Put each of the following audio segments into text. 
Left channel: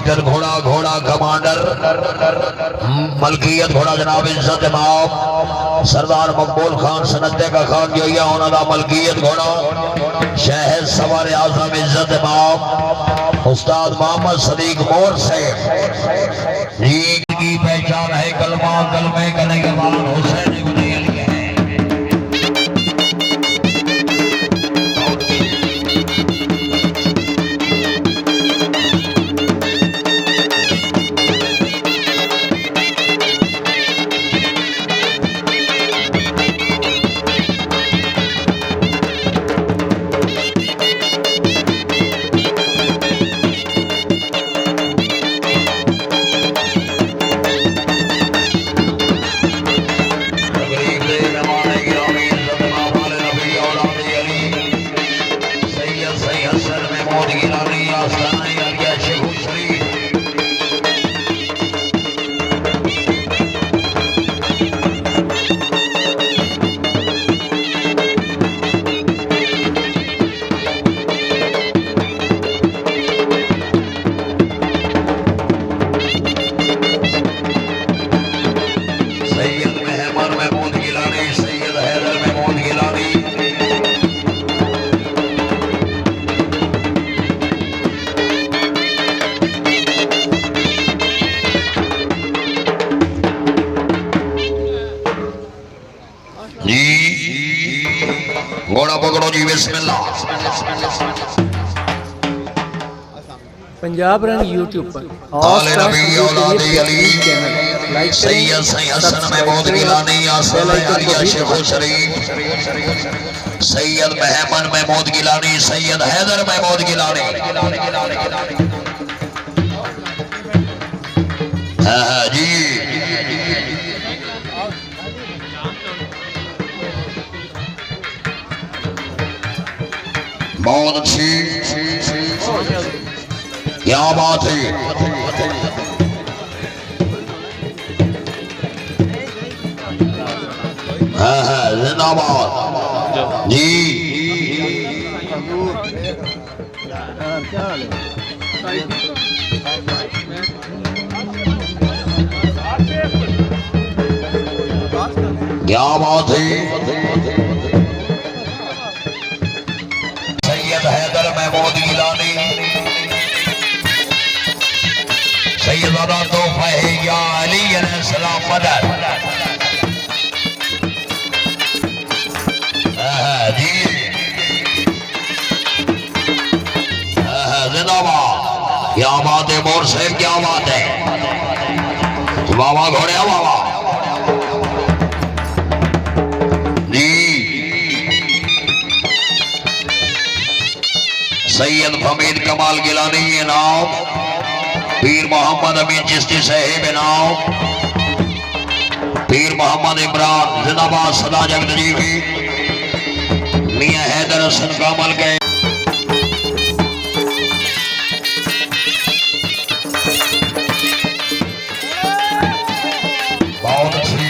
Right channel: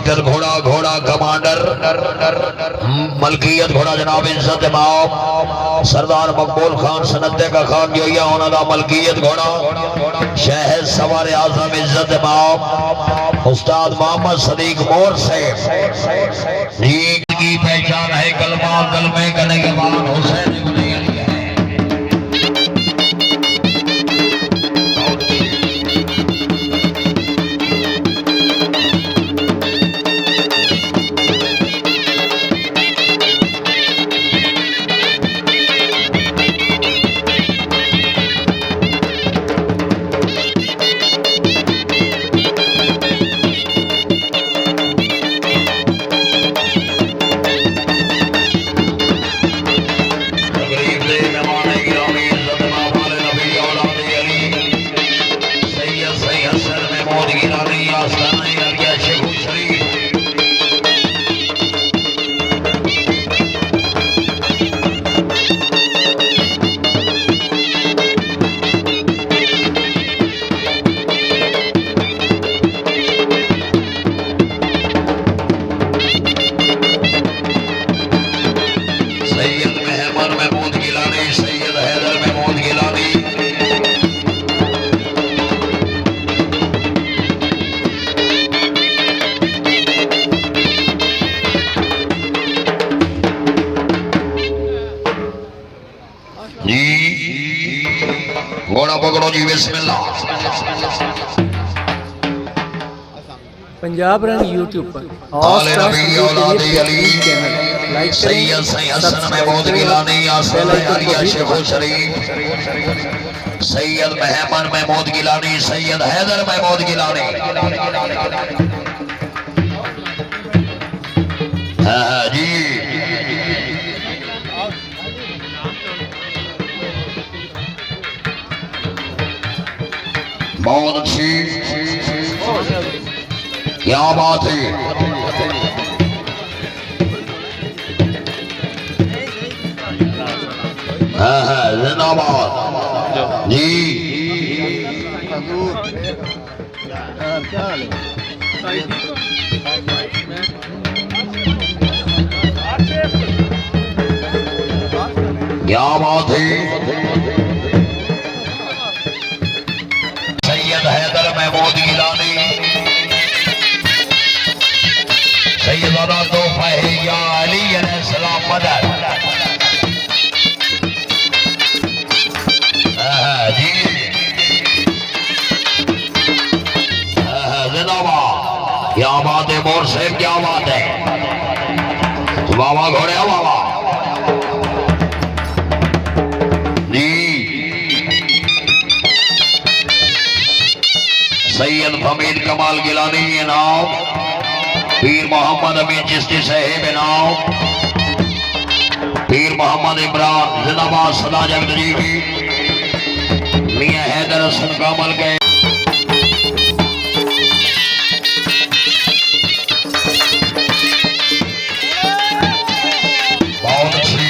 Master घोड़ा घोड़ा commander मलकियत घोड़ा जनाब इज्जत इमाम सरदार मकबूल खान सनते का खान जो ये उन्होंने मलकियत घोड़ा शहर सवार आजम इज्जत इमाम उस्ताद मोहम्मद सदीक मोर से की पहचान है कलमा कलमे करने के बाद हुसैन घोड़ा पकड़ो जी बिस्मिल्लाह। पंजाब रंग यूट्यूब पर और चैनल लाइक करें, सब्सक्राइब सैयद महमद महमूद गिलानी सैयद हैदर महमूद गिलानी जी बहुत अच्छी क्या बात है। जिंदाबाद जी क्या बात है। सैयद हैदर महमूद गिलानी सैयदा तोहफा है या अली अलैहिस्सलाम मदद जी जिंदाबाद। क्या बात है मोर साहब क्या बात है बाबा घोड़े बाबा सैयद फमीद कमाल गिलानी इनाम पीर मोहम्मद अमीन चिश्ती साहिब इनाम पीर मोहम्मद इमरान जिंदाबाद सदा जगत जी की मियां हैदर हसन कमल गए बहुत अच्छी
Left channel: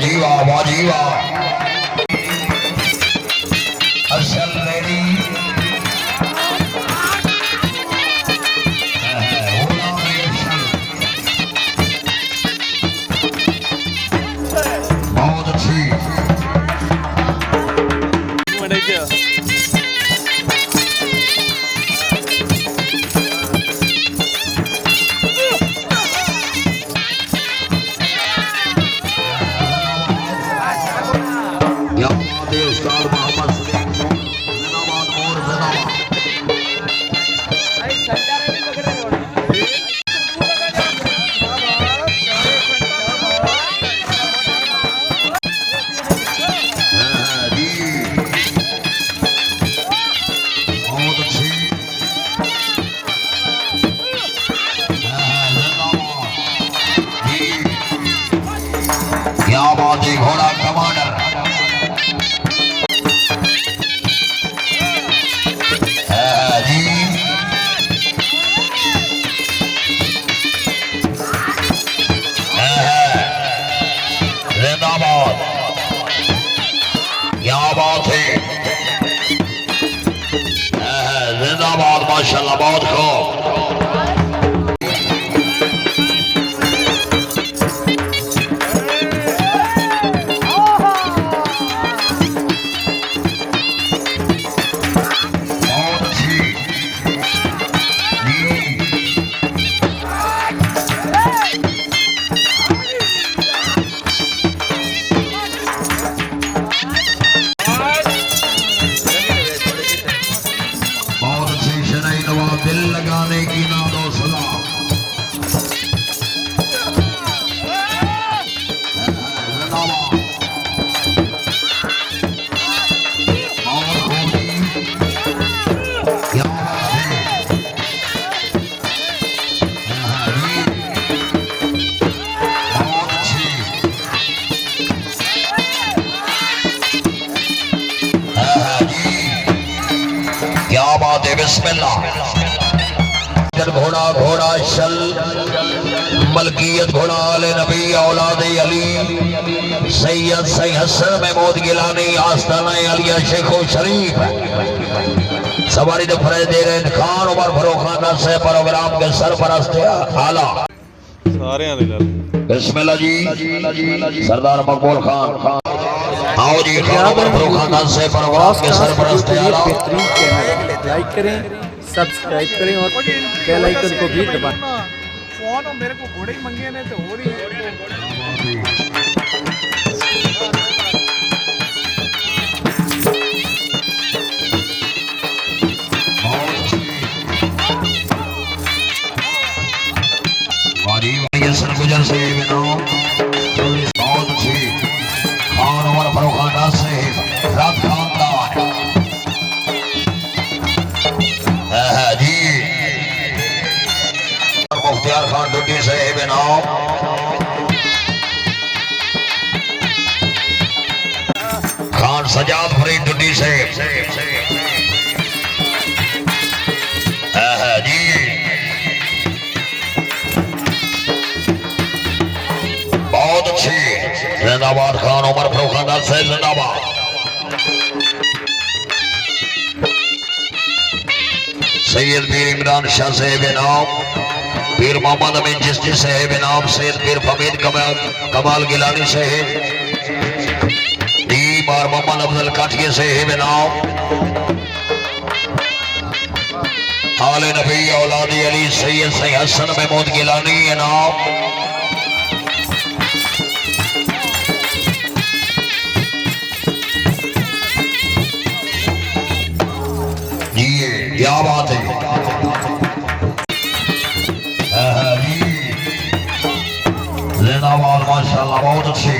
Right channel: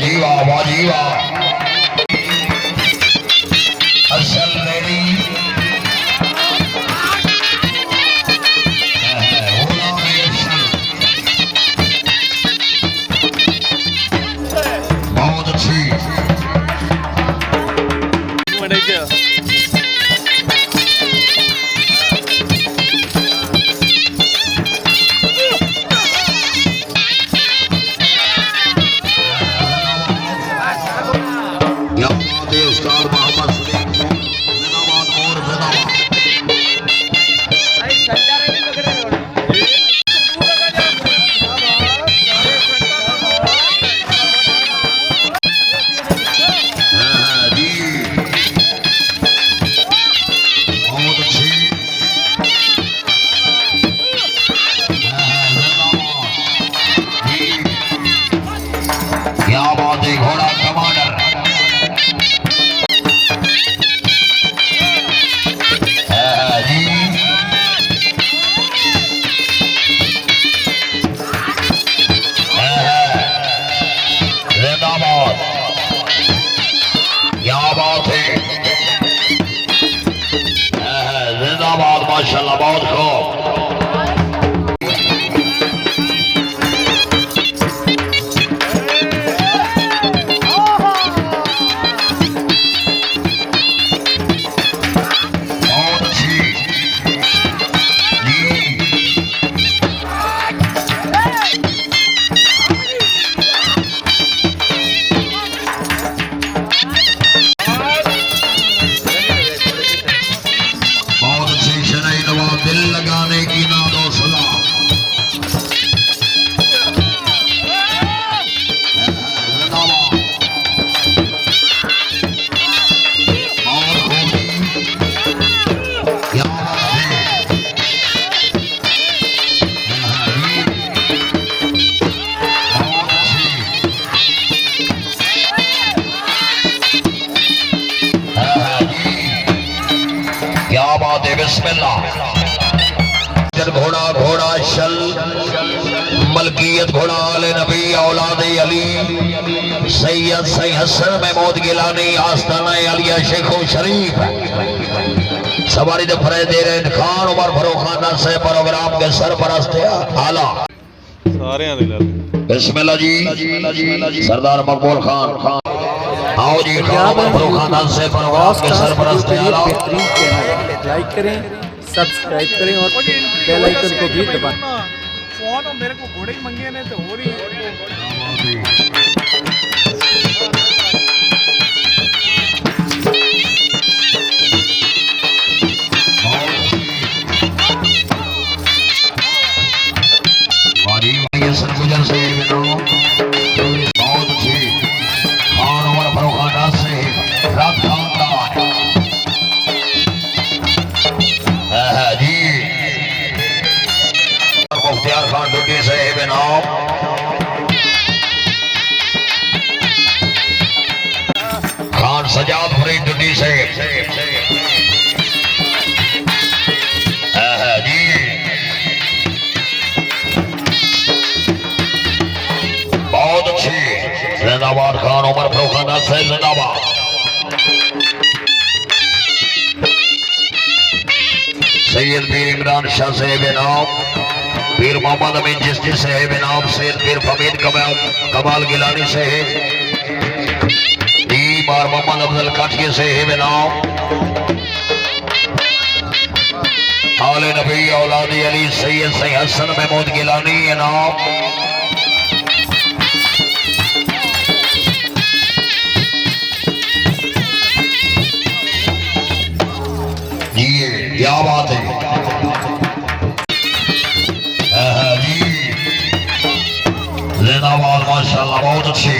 जी वाह वाह जी वाह असल रेडी बहुत अच्छी उस्ताद मोहम्मद सलीम जिंदाबाद और जिंदाबाद जी बहुत अच्छी जी क्या बात है घोड़ा कमांडर जी जिंदाबाद क्या बात है जिंदाबाद माशाल्लाह बहुत खूब बहुत अच्छी जी बहुत अच्छी शरई दवा दिल लगाने की नादो सलाह क्या बात है बहुत अच्छी जी क्या बात है बिस्मिल्लाह घोड़ा घोड़ा शल मलकियत घोड़ा आले नबी औलाद अली सैयद सैयद हसन महमूद गिलानी आस्ताना अलिया शेखो शरीफ सवारी दे फरेदेर खान उमर फरूख खान से प्रोग्राम के सरपरस्त आला ਸਾਰਿਆਂ ਦੇ ਲੈ ਲਓ बिस्मिल्लाह जी सरदार मकबूल खान आओ जी पंजाब एंड फरूख खान से यूट्यूब प्रोग्राम के सरपरस्त के लिए आला बेहतरीन चैनल है। लाइक करें, सब्सक्राइब करें और बेल आइकन को भी दबाएं। फोन मेरे को घोड़े ही मंगे ने तो हो रही है सरगुजर से बहुत अच्छी खान उमर फरूख खान से रात खानदान जी मुख्तियार खान डुटी से बेनाम खान सजाद फरीद डुटी से जी बहुत अच्छी जिंदाबाद खान उमर फरूख खान से जिंदाबाद सैयद पीर इमरान शाह साहब नाम पीर मोहम्मद अमीन चिश्ती साहब नाम सैयद पीर फमीद कमाल गिलानी साहब मार मोहम्मद अफजल काठिया साहब नाम आले नबी औलाद अली सैयद सैयद हसन महमूद गिलानी नाम क्या बात है जी जिंदाबाद माशाल्लाह बहुत अच्छी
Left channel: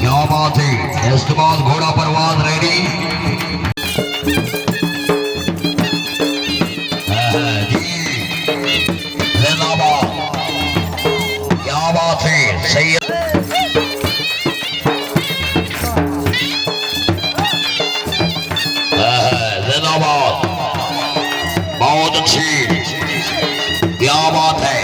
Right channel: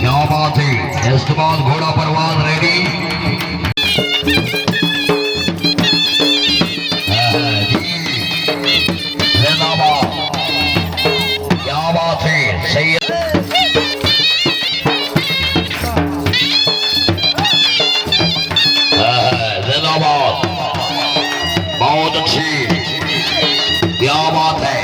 क्या बात है। इसके बाद घोड़ा परवान रेडी जी। जिंदाबाद। क्या बात है। सही है। जिंदाबाद। बहुत अच्छी। क्या बात है।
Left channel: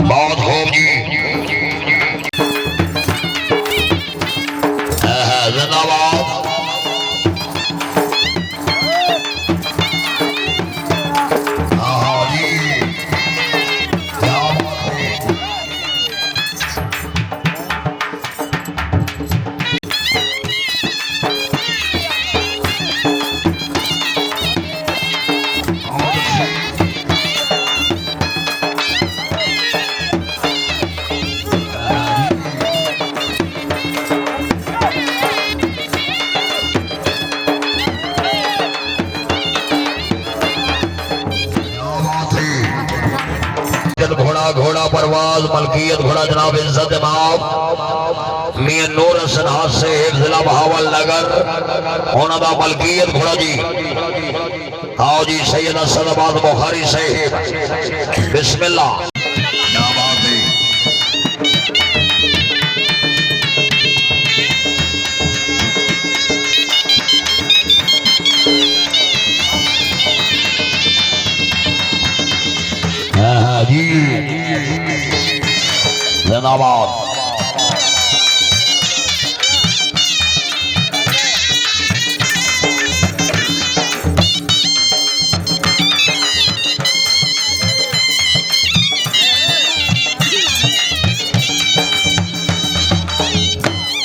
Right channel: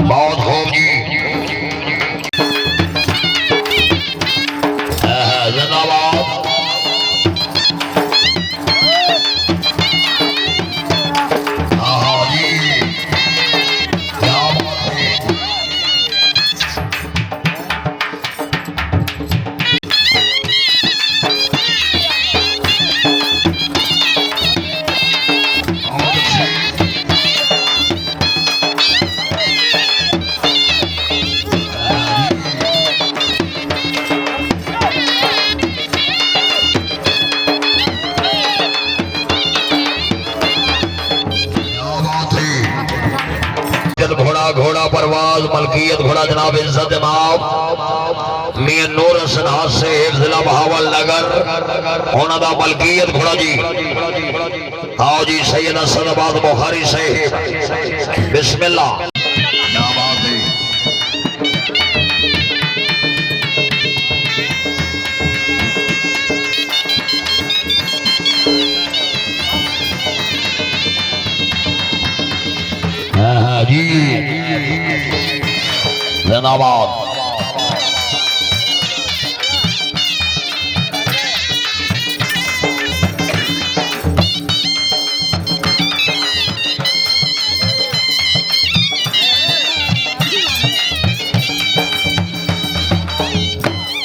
बहुत हो जी। जिंदाबाद। हाँ जी। क्या बात है। घोड़ा घोड़ा परवाज मलकियत घोड़ा जनाब इज्जत जनाब मियां नूर हसन हासे जिला बहावल नगर होना मलकियत घोड़ा जी। आओ जी सैयद सलाबाद बुखारी से बिस्मिल्लाह। हाँ जी। जिंदाबाद।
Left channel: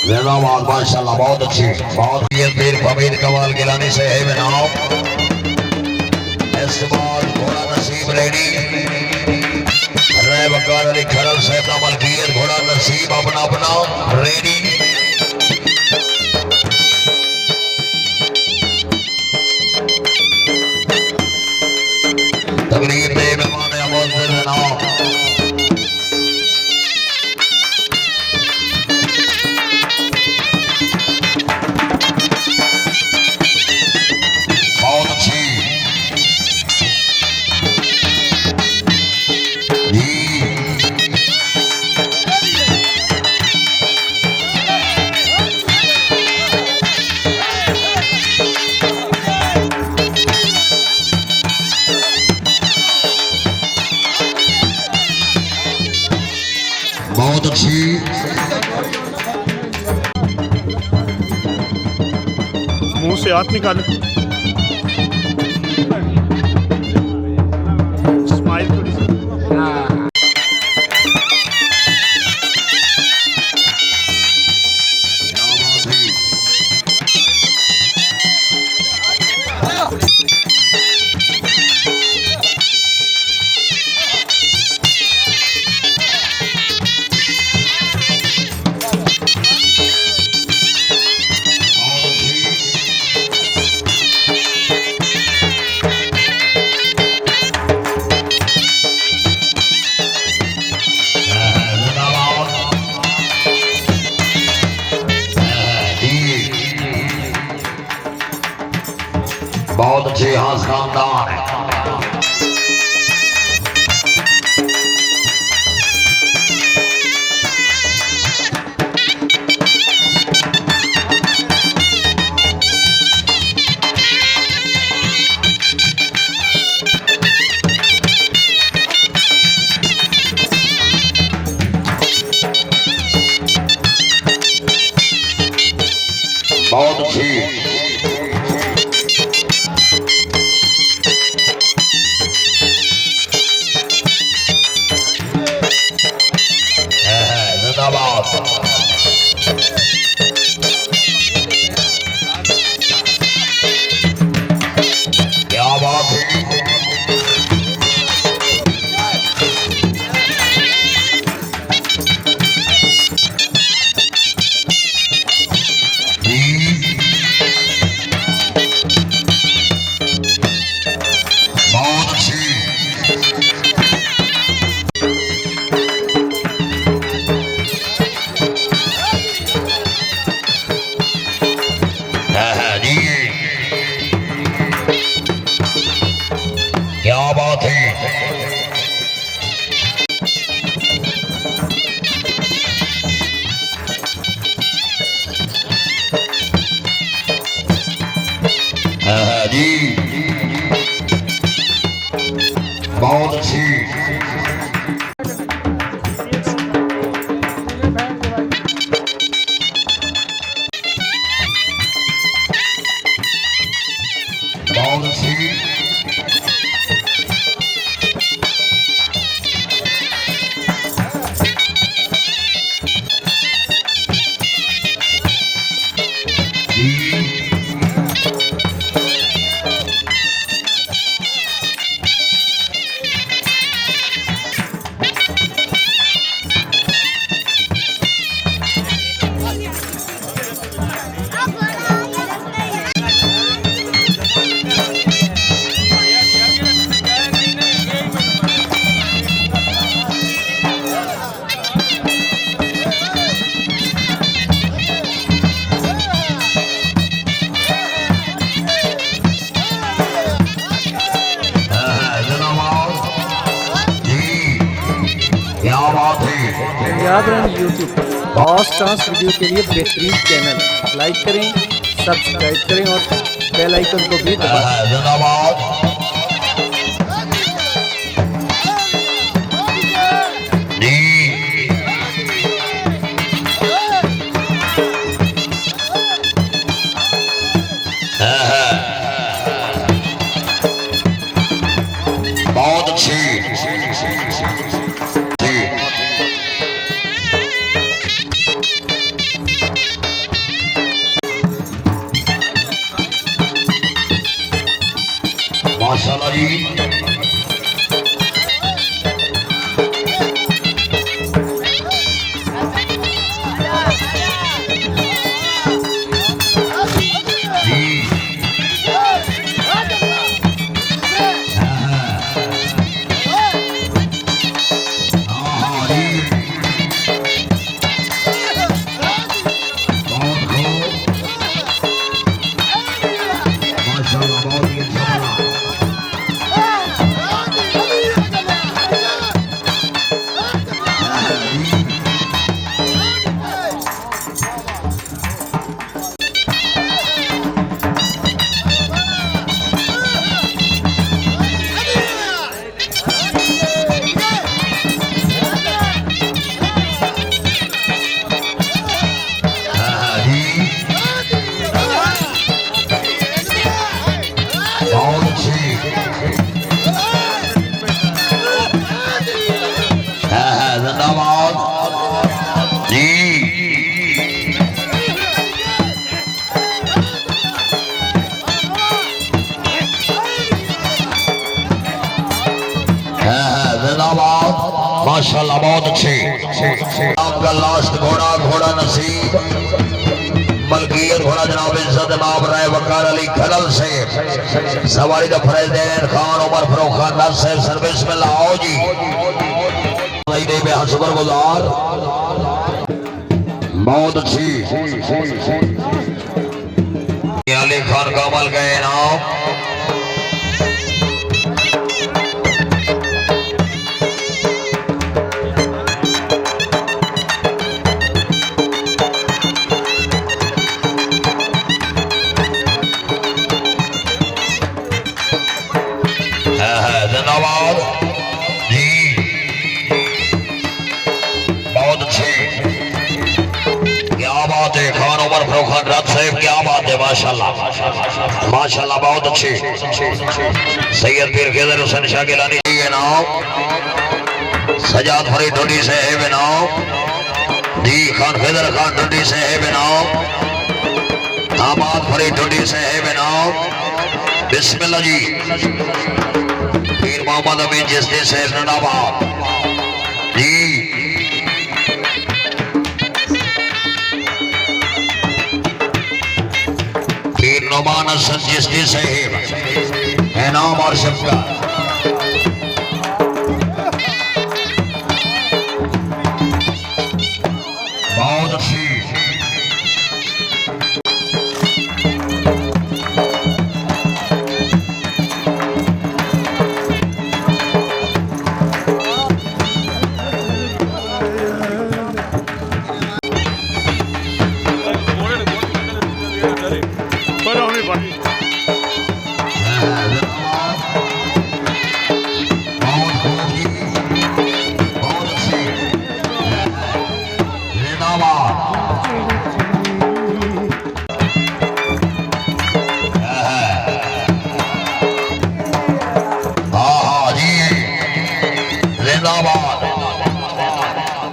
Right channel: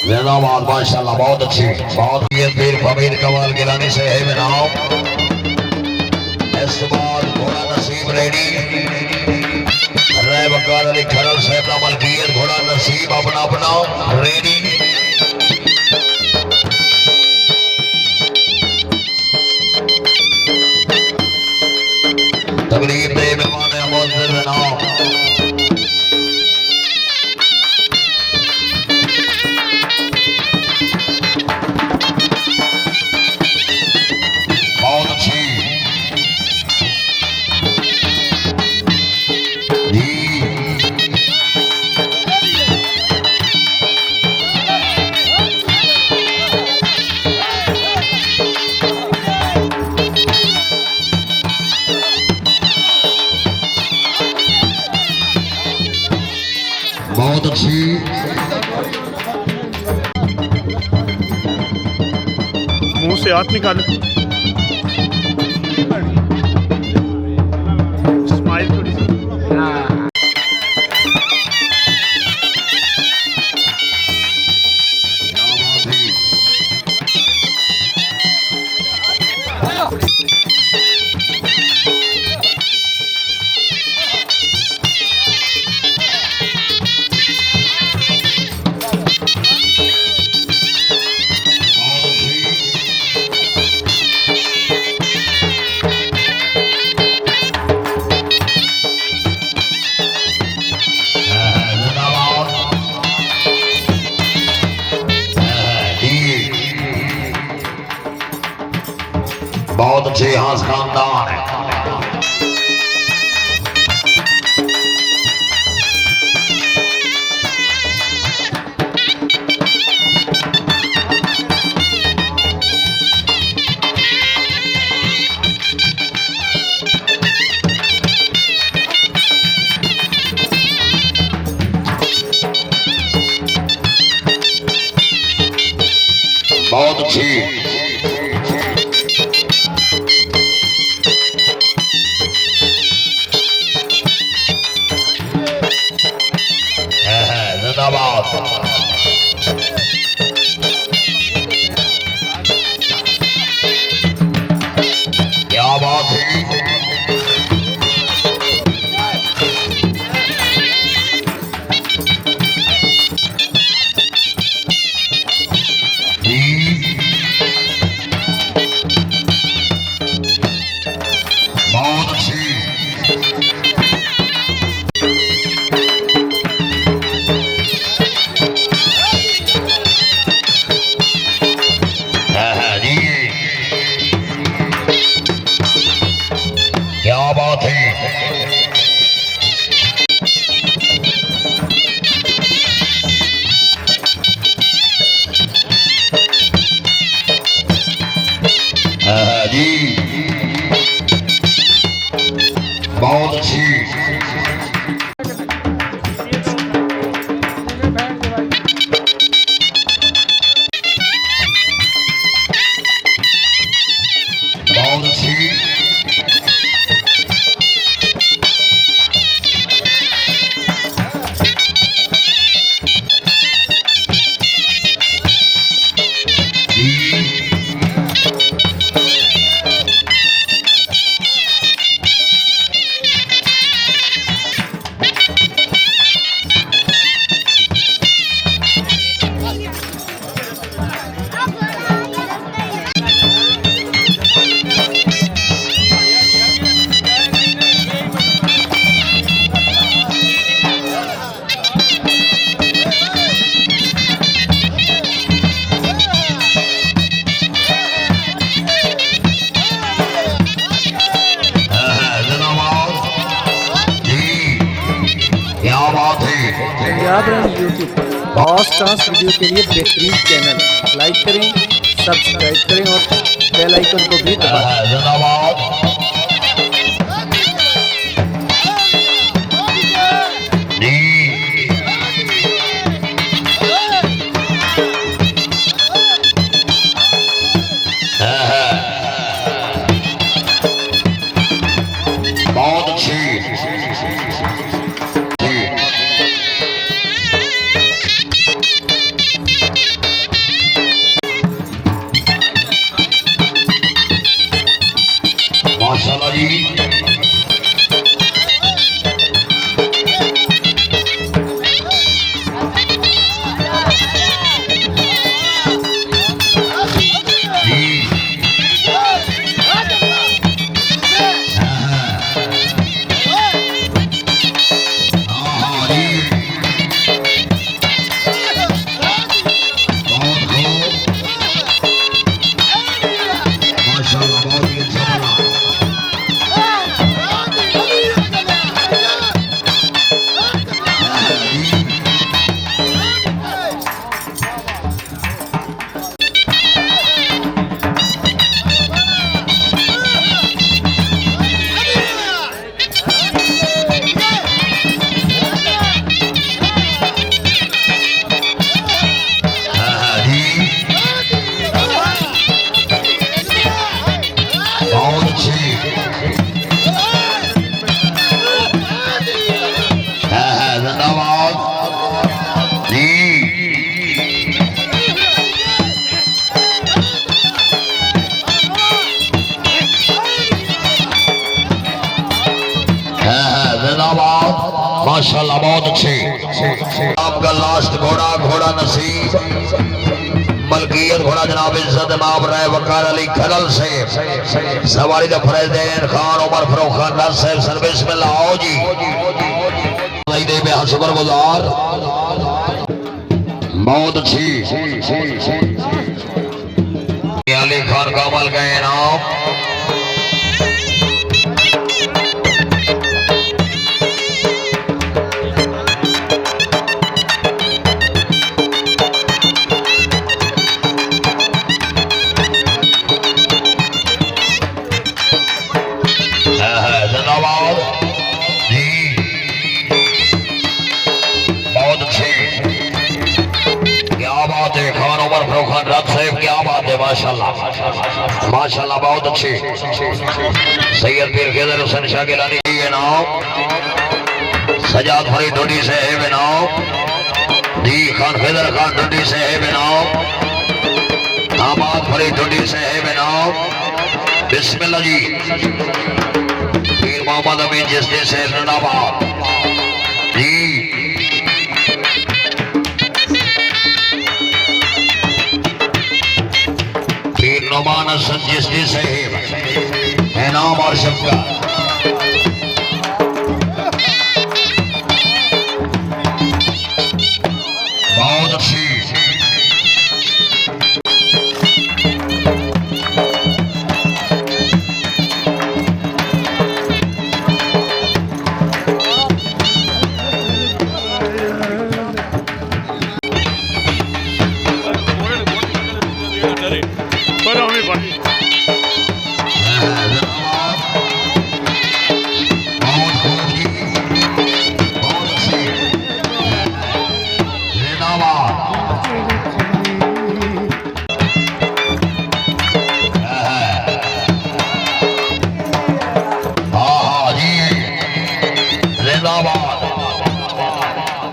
जिंदाबाद। माशाल्लाह बहुत अच्छी। बहुत पीर फमीर कमाल गिलानी से है बनाओ। इसके बाद घोड़ा नसीब रेडी वकार अली खरल साहब का मलकियत घोड़ा नसीब अपना अपना रेडी। तकलीफ दे मेहमान अमोज़ जनाब। बहुत अच्छी जी। बहुत अच्छी। मुंह से हाथ निकाल। स्माइल थोड़ी सी। बहुत अच्छे हाथ खानदान है। बहुत अच्छी जिंदाबाद। क्या बात है। क्या बात है। जी बहुत अच्छी। बहुत अच्छी। पंजाब रन यूट्यूब पर और डांस वीडियो के लिए बेहतरीन चैनल लाइक करें, सब्सक्राइब करें और बेल आइकन को भी दबाएं। बहुत अच्छी। माशाल्लाह जी। माशाल्लाह बहुत अच्छे। आपका लास्ट घोड़ा घोड़ा नसीब मलकियत घोड़ा जनाब इज्जत नाम रहे वकार अली खरल से सवारी का फरेदेन खान उमर फरूख खान नासिर सर्विस में लाओ जी शुक्र गुजार। बहुत अच्छी अली खान कामल का इनाम। धन्यवाद जी, बहुत अच्छे, क्या बात है। खान उमर फरोखान राज साहब, क्या बात है, माशाल्लाह माशाल्लाह, बहुत अच्छे। सैयद पीर खैदर हुसैन शाह गिलानी है नाम, सजाद फरीद ढोडी से है बेनाम जी, खान खैदर खान ढोडी से है बेनाम, आबाद फरीद ढोडी से है बेनाम। बिस्मिल्लाह जी, पीर मोहम्मद अमीन जिसने से रनाबाद जी, पीर नमान हसन जिसने साहिब इनाम और शफकत। बहुत अच्छी, पर हमें भाई बहुत खूब जी, बहुत अच्छी, जिंदाबाद। हाँ जी, जिंदाबाद,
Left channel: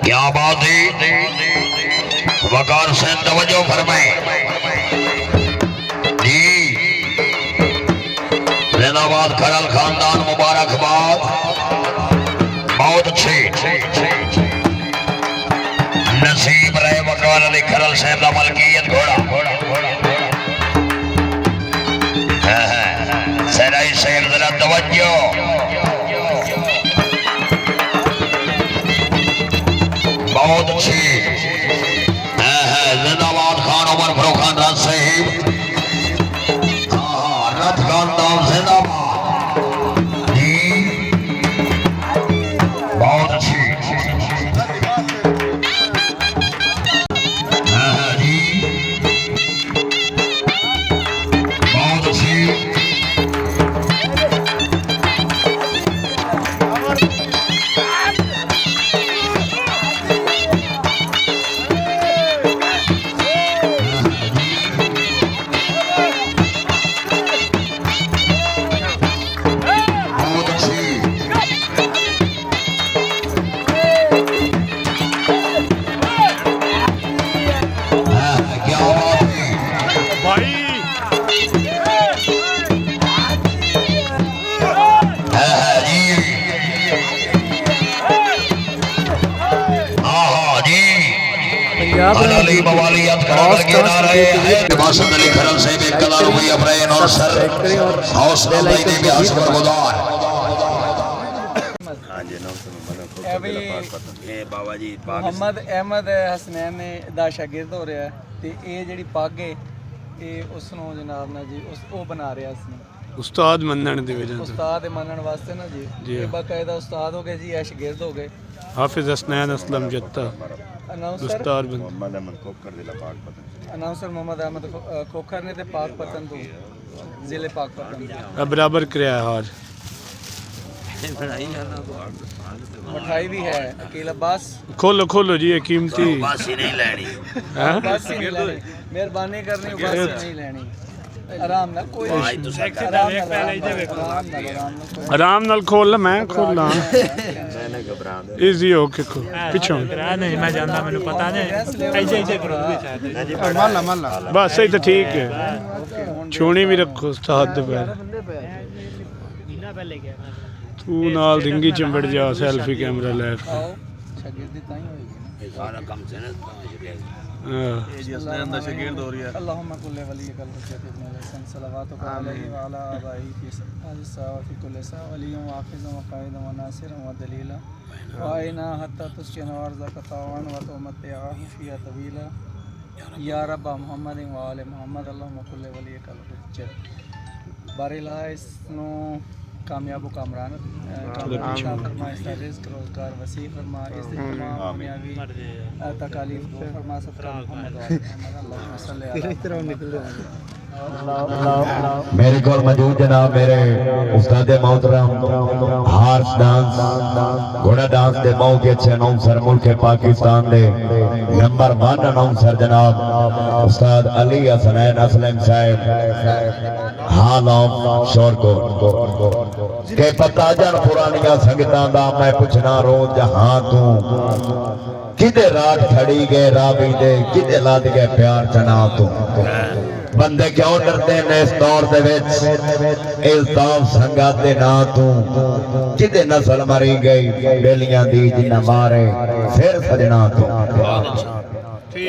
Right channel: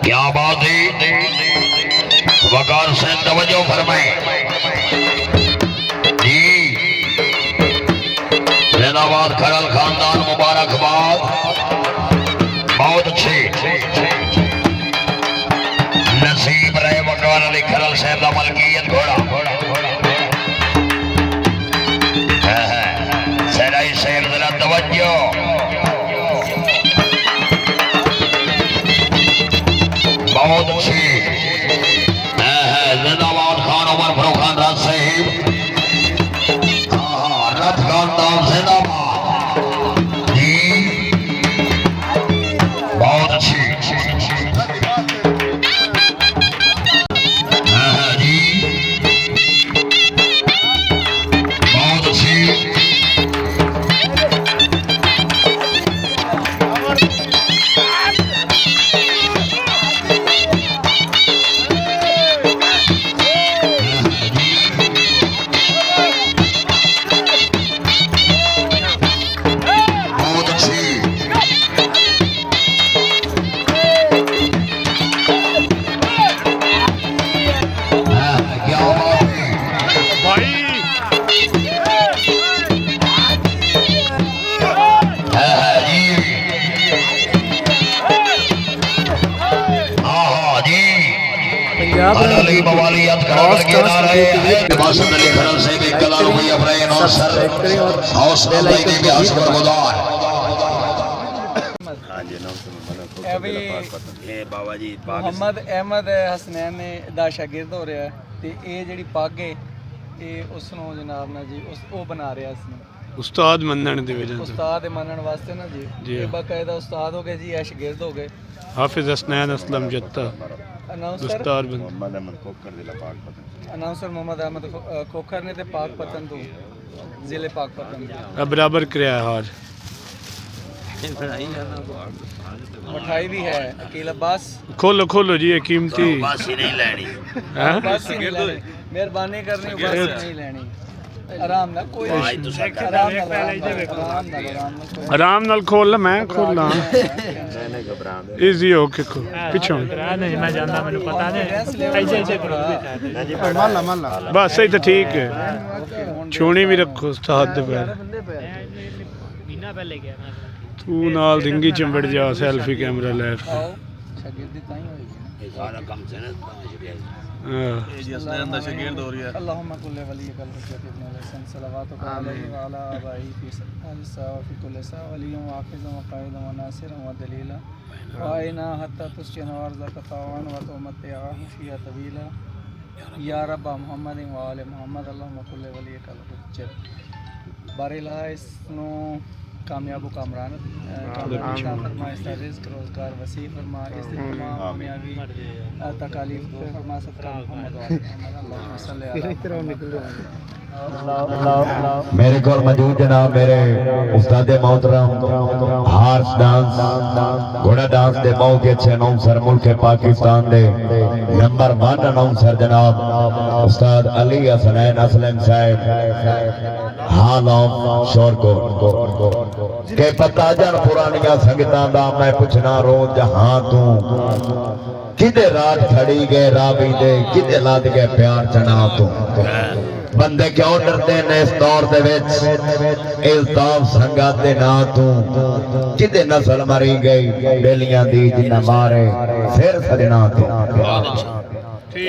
क्या बात है। वकार से तवज्जो फरमाए जी, जिंदाबाद खरल खानदान, मुबारकबाद, बहुत अच्छे। नसीब रहे बकवाल अली खरल साहब का मलकियत घोड़ा, सराई साहब जरा तवज्जो, बहुत अच्छी। जिंदाबाद खान उमर फरोखान राज साहिब, रब खानदान जिंदाबाद जी, बहुत अच्छी जी, बहुत अच्छी। भाई पंजाब रंग यूट्यूब और स्टार्स वीडियो के लिए लाइक करें, सब्सक्राइब करें और बेल आइकन को भी दबाएं। बाबा जी ਮੁਹੰਮਦ ਅਹਿਮਦ ਹਸਨੈਨ ਨੇ ਦਾ ਸ਼ਾਗਿਰਦ ਹੋ ਰਿਹਾ ਤੇ ਇਹ ਜਿਹੜੀ ਪੱਗ ਹੈ ਇਹ ਉਸ ਨੂੰ ਜਨਾਬ ਨਾ ਜੀ ਉਹ ਬਣਾ ਰਿਹਾ ਇਸ ਨੂੰ ਉਸਤਾਦ ਮੰਨਣ ਦੀ ਵਜ੍ਹਾ ਤੋਂ, ਉਸਤਾਦ ਮੰਨਣ ਵਾਸਤੇ ਨਾ ਜੀ ਜੀ। ਇਹ ਬਾਕਾਇਦਾ ਉਸਤਾਦ ਹੋ ਗਏ ਜੀ, ਇਹ ਸ਼ਾਗਿਰਦ ਹੋ ਗਏ। ਹਾਫਿਜ਼ ਹਸਨੈਨ ਅਸਲਮ ਜੱਤਾ ਅਨਾਉਂਸਰ ਦਸਤਾਰ ਬੰਦ ਅਨਾਉਂਸਰ ਮੁਹੰਮਦ ਅਹਿਮਦ ਖੋਖਰ ਨੇ ਤੇ ਪਾਕਪਤਨ ਤੋਂ ਜ਼ਿਲ੍ਹੇ ਪਾਕਪਤਨ ਦੇ ਬਰਾबर कराया हार। मिठाई भी है अकेला बस खोलो खोलो जी, ये कीमती बस ही नहीं लेनी, हैं? बस ही नहीं लेनी, मेहरबानी करनी बस ही नहीं लेनी। आराम ना कोई भाई तो सर आराम ना आराम ना कोई आराम नाल खोल, मैं खोला इजी हो के पिछों कॉन्फिडेंस लेवल बस सही तो ठीक है। छूनी भी रखो उस्ताद दे पैर, तू नाल रिंगी चिंबड़ जा, सेल्फी कैमरा ले आओ शागिर्दी ताई होएगी ना सारा काम से ना अल्लाहुम्मा कुल्ले वलियकल हुज्जत इब्न हसन सलवातुक अलैहि व अला आबाई फी सल्सा व फी कुल्li सा वलिय्युम व हाफिज़न व काइदन व नासिरन व दलीला व आइना हत्ता तुस्किन व अर्ज़क tawan व तुमत्तिअहु फ़ीहा तवीला या रब मोहम्मद व आले मोहम्मद अल्लाहुम्मा कुल्ले वली कल हुज्जत बारिला इसनो कामयाब कामरान कामयाब फरमा, इसका रिज़्क़ रोज़गार वसी फरमा, इससे तमाम दुनियावी तकालीफ दूर फरमा। सदका मोहम्मद व आले मोहम्मद अल्लाहुम्मा सल्ली अला मेरे को मौजूद जनाब मेरे उस्ताद मोहतरम हार्स डांस घोड़ा डांस दे बहुत ही अच्छे अनाउंसर मुल्क पाकिस्तान दे नंबर 1 अनाउंसर जनाब उस्ताद अली हसनैन असलम साहब हाल ऑफ शोरकोट के पता जन पुरानियां संगतां दा मैं पुछना रोज जहां तू किदे रात खड़ी गए रावी दे किदे लाद गए प्यार चना तू बंदे क्यों डरते ने इस दौर दे विच इल्ताफ संगत दे ना तू किदे नस्ल मरी गई बेलियां दी जिन्ना मारे फिर सजना तू